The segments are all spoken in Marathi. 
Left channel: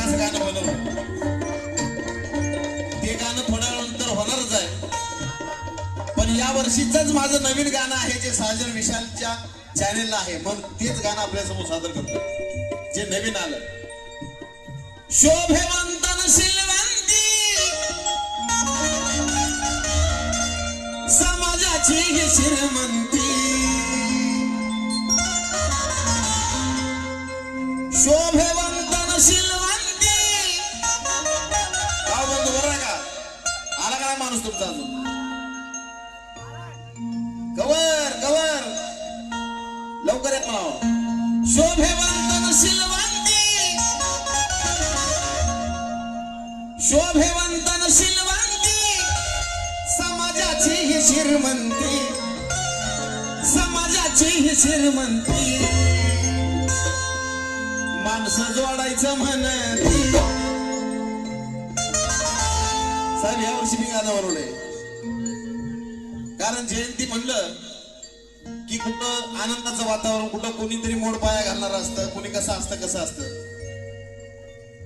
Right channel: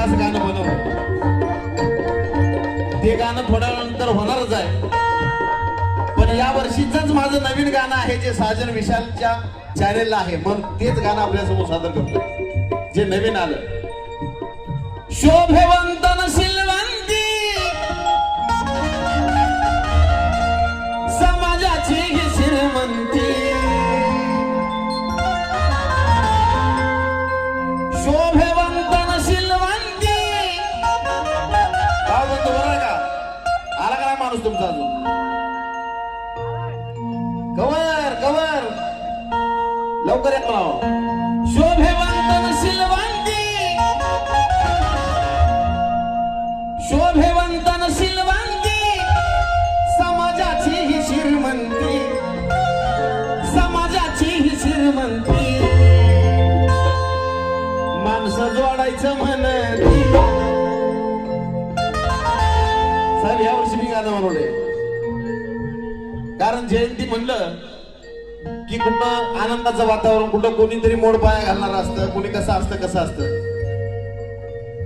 खास गाणं बनवलं. ते गाणं थोड्या वेळानंतर होणारच आहे. पण या वर्षीच माझं नवीन गाणं आहे जे साजन विशालच्या चॅनेलला आहे. मग तेच गाणं आपल्या समोर सादर करतो जे नवीन आलं. शोभेवंतन शिलवंती समाजाची ही श्रीमंती. शोभेवंतन शिलवंती. का म्हणतो बरं का? आला काय माणूस तुमचा अजून? कवर कवर लवकर येत राहा. शोभेवंतन शिलवंती. शोभेवंतन शिलवंती समाजाची ही श्रीमंती. समाजाची ही श्रीमंती. माणसं जोडायचं म्हणती. साहेब यावर्षी मी गाणं बनवलंय कारण जयंती म्हणलं की कुठं आनंदाचं वातावरण, कुठं कोणीतरी मोड पाया घालणार असतं, कोणी कसं असतं.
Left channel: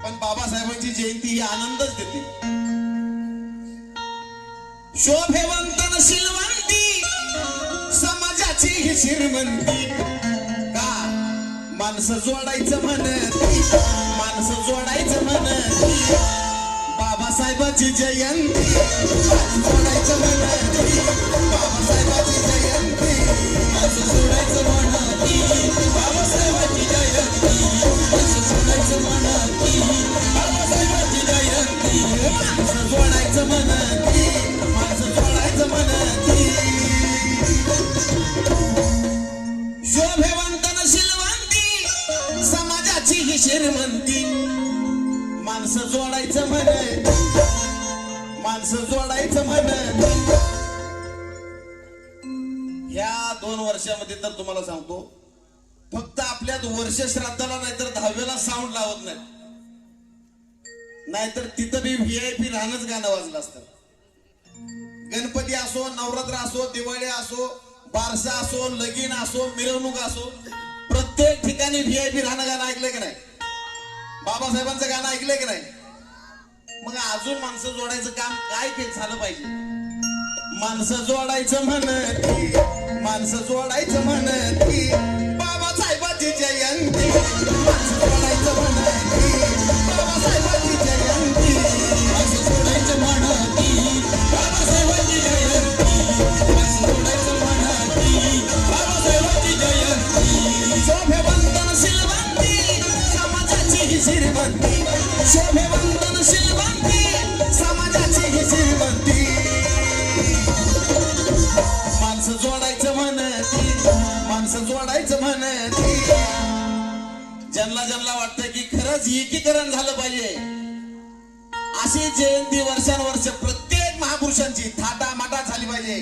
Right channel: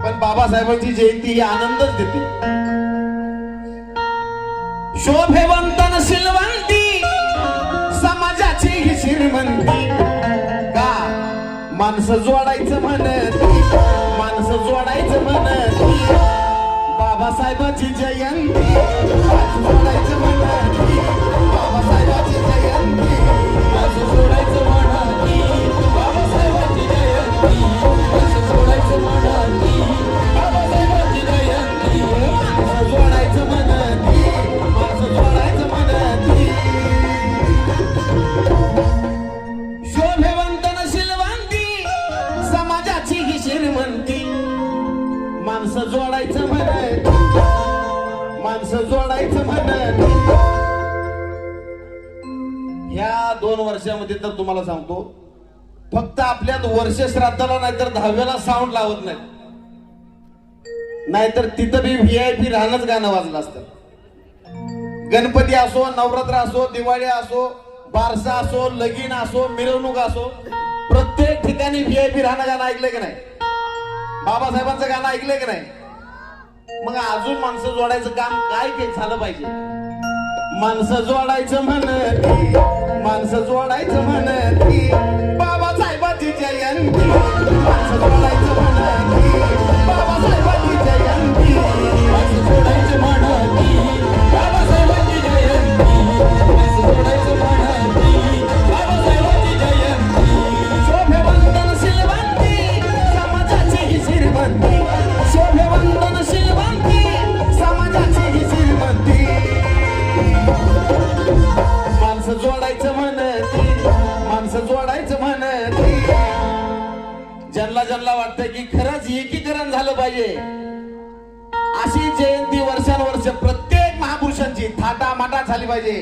पण बाबासाहेबांची जयंती ही आनंदच देते. शोभेवंतन शिलवंती समाजाची ही श्रीमंती. का माणसं जोडायचं म्हणती. माणसं जोडायचं म्हणती. बाबासाहेबाची जयंती जोडायचं म्हणती. बाबासाहेबाची जयंती माणसं जोडायचं म्हणती. बाबासाहेबाची जयंती माणसं जोडायचं म्हणती. बाबासाहेबाची जयंती माणसं जोडायचं म्हणती. माणसं जोडायचं म्हणती. शोभेवंतन शिलवंती समाजाची ही श्रीमंती. माणसं जोडायचं म्हणती. माणसं जोडायचं म्हणती. या 2 वर्षामध्ये तर तुम्हाला सांगतो फक्त आपल्यात वर्ष श्राद्धाला नाहीतर 10व्याला साऊंड लावत नाही, नाहीतर तिथं बी VIP राहणंच गाणं वाजलं असतं. गणपती असो, नवरात्र असो, दिवाळी असो, बारसा असो, लगीन असो, मिरवणूक असो, प्रत्येक ठिकाणी VIP राहणं गाणं ऐकलंय की नाही? बाबासाहेबांचं गाणं ऐकलंय की नाही? मग अजून माणसं जोडायचं काम काय झालं पाहिजे? माणसं जोडायचं म्हणती. माणसं जोडायचं म्हणती. बाबासाहेबाची जयंती माणसं जोडायचं म्हणती. बाबासाहेबाची जयंती माणसं जोडायचं म्हणती. बाबासाहेबाची जयंती माणसं जोडायचं म्हणती. बाबासाहेबाची जयंती. शोभेवंतन शिलवंती समाजाची ही श्रीमंती. शोभेवंतन शिलवंती समाजाची ही श्रीमंती. माणसं जोडायचं म्हणती. माणसं जोडायचं म्हणती. ज्यांना वाटतं की खरंच एकीकरण झालं पाहिजे अशी जयंती वर्षानुवर्ष प्रत्येक महापुरुषांची थाटामाटा झाली पाहिजे.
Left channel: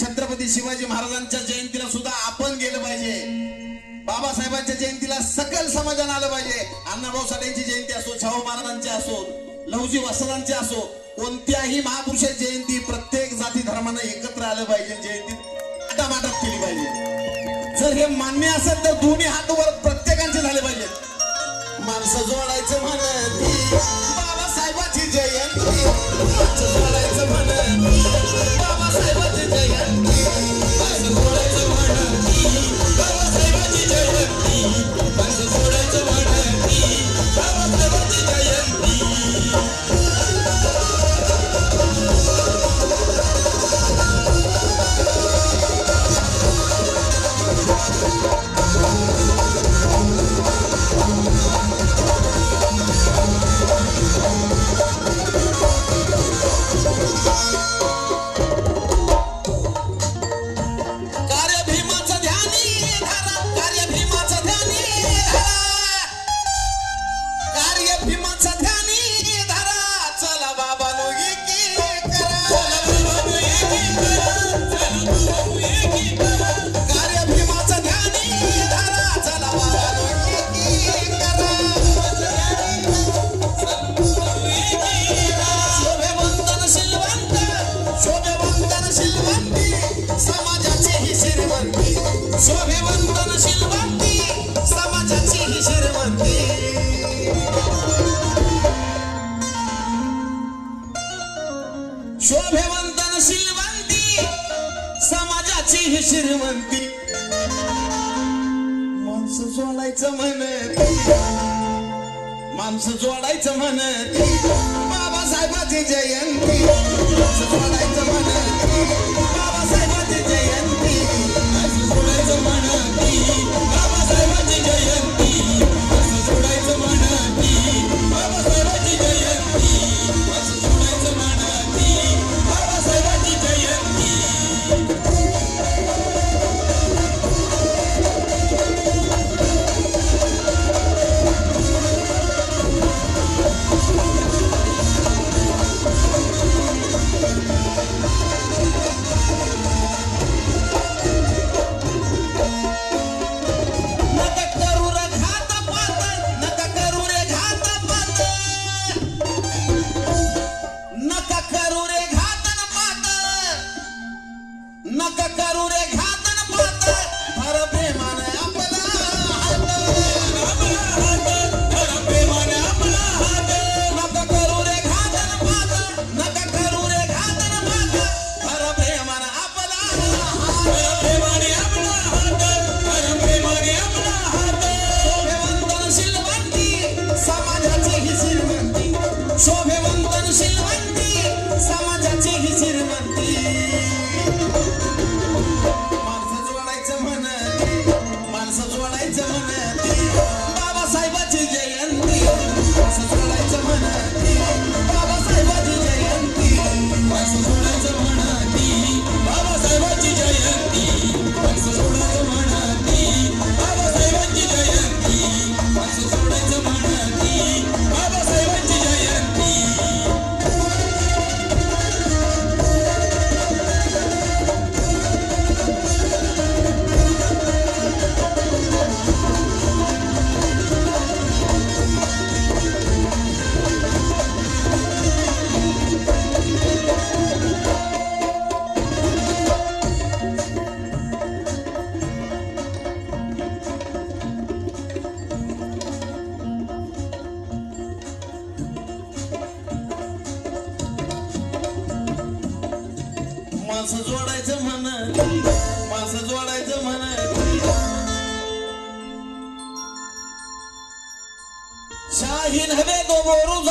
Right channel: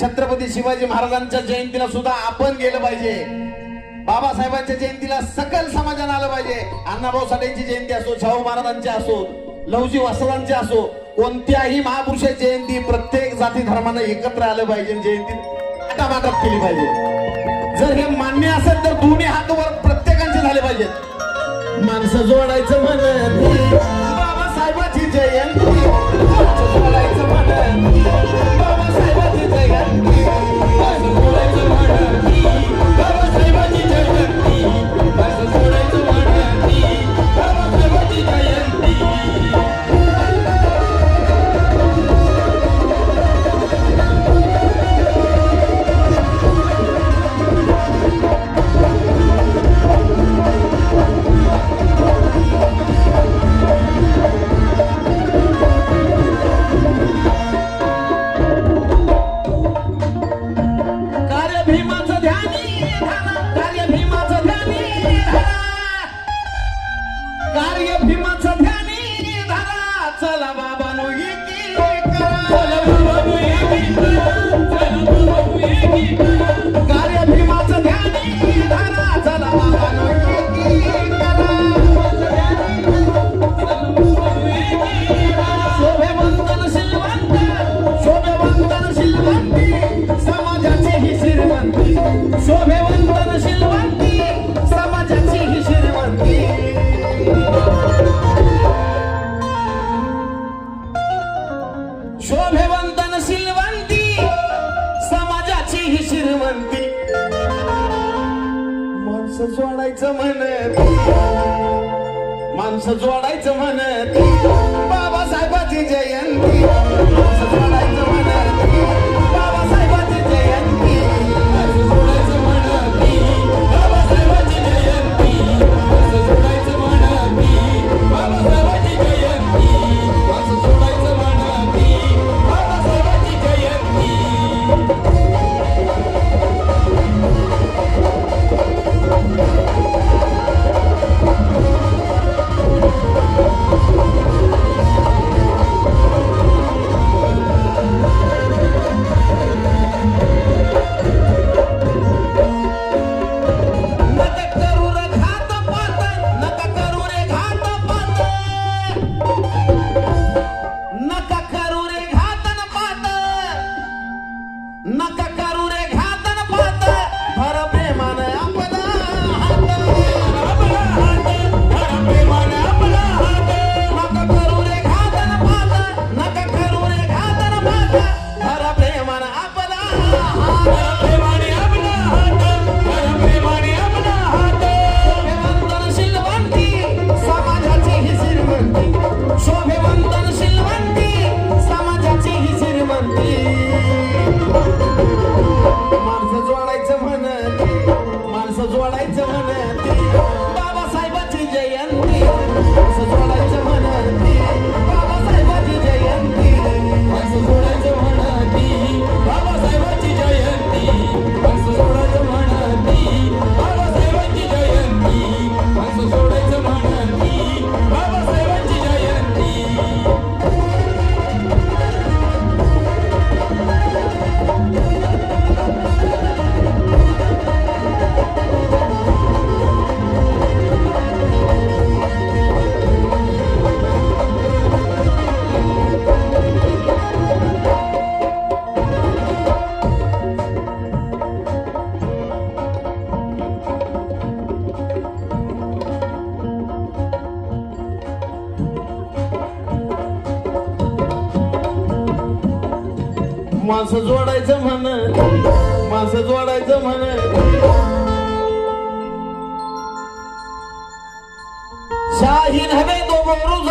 छत्रपती शिवाजी महाराजांच्या जयंतीला सुद्धा आपण गेलं पाहिजे. बाबासाहेबांच्या जयंतीला सकल समाजानं आलं पाहिजे. अण्णाभाऊ साठेंची जयंती असो, शाहू महाराजांची असो, लवजी वसरांची असो, कोणत्याही महापुरुषाची जयंती प्रत्येक जाती धर्मानं एकत्र आलं पाहिजे. जयंती थाटामाटात केली पाहिजे. जर हे मान्य असेल तर दोन्ही हात वर प्रत्येकांचे झाले पाहिजेत. माणसं जोडायचं म्हणती. बाबासाहेबाची जयंती माणसं जोडायचं म्हणती. बाबासाहेबाची जयंती माणसं जोडायचं म्हणती. बाबासाहेबाची जयंती माणसं जोडायचं म्हणती. बाबासाहेबाची जयंती. जोडायचं म्हणत माणसं जोडायचं म्हणत बाबासाहेबाची जयंती माणसं जोडायचं म्हणत बाबासाहेबाची जयंती माणसं जोडायचं म्हणत बाबासाहेबाची जयंती माणसं जोडायचं म्हणत बाबासाहेबाची जयंती माणसं जोडायचं म्हणत बाबासाहेबाची जयंती नका करू रे घातन पात भर प्रेमान आपला हात नका करू रे घातन पात नका करू रे घातन पात भर प्रेमान आपला शोभेवंतन शिलवंती समाजाची ही श्रीमंती शोभेवंतन शिलवंती समाजाची ही श्रीमंती माणसं जोडायचं म्हणत बाबासाहेबाची जयंती माणसं जोडायचं म्हणत बाबासाहेबाची जयंती माणसं जोडायचं म्हणत बाबासाहेबाची जयंती माणसं जोडायचं म्हणत बाबासाहेबाची जयंती माणसं जोडायचं म्हणत बाबासाहेबाची जयंती माणसं जोडायचं म्हणत माणसं जोडायचं म्हणत शाहीन हवे तो बोरू